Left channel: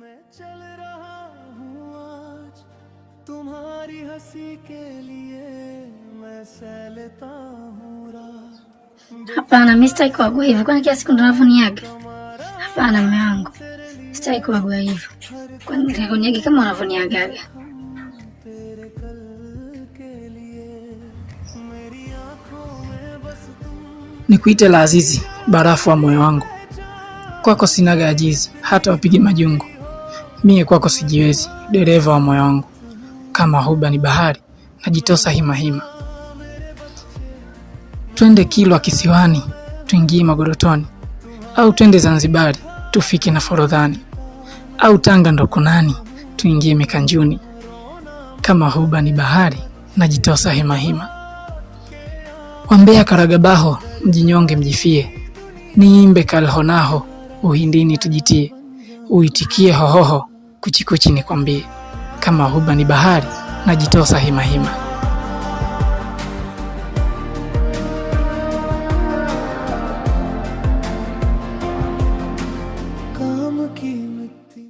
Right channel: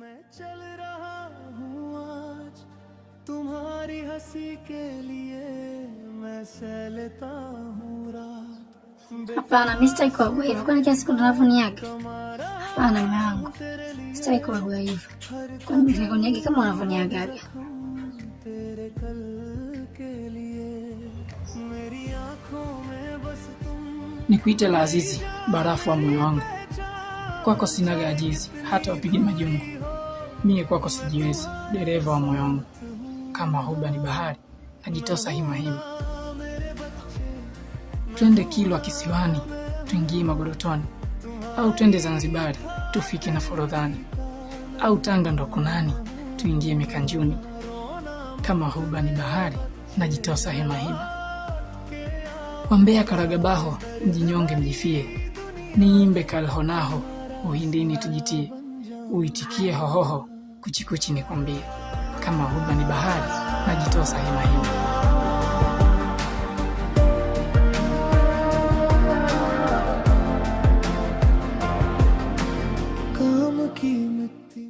मैं चल रहा हूँ आज तुम्हारी हंसी के लिए मैं सह लेता हूँ रात. Hapana, mimi sitaki kuagua hivyo. Kwani kiasi kuna unavyoniaga? Hapana mume wangu, sitaki kuagua hivyo. Kwani nikakuniaga kama unavyoniagaga? तेरे कल के लिए मेरी आँखों में बस तुम. Nikuite la Azizi, barafu wa moyo wangu. Kwako sinaga ajizi, hata wapige majungu. Mie kwako sijiwezi, dereva wa moyo wangu. Kama huba ni bahari, najitosa hima hima. Twende Kilwa kisiwani, tuingie Magorotoni. Au twende Zanzibari, tufike na Forodhani. Au Tanga ndo kunani, tuingie Mikanjuni. Kama huba ni bahari, najitosa hima hima. Wambea Karagabaho, mjinyonge mjifie. Niimbe kalhonaho, uhindini tujitie. Uitikie hohoho, kuchikuchi nikwambie. Kama huba ni bahari, najitosa hima hima. काम की मिट्टी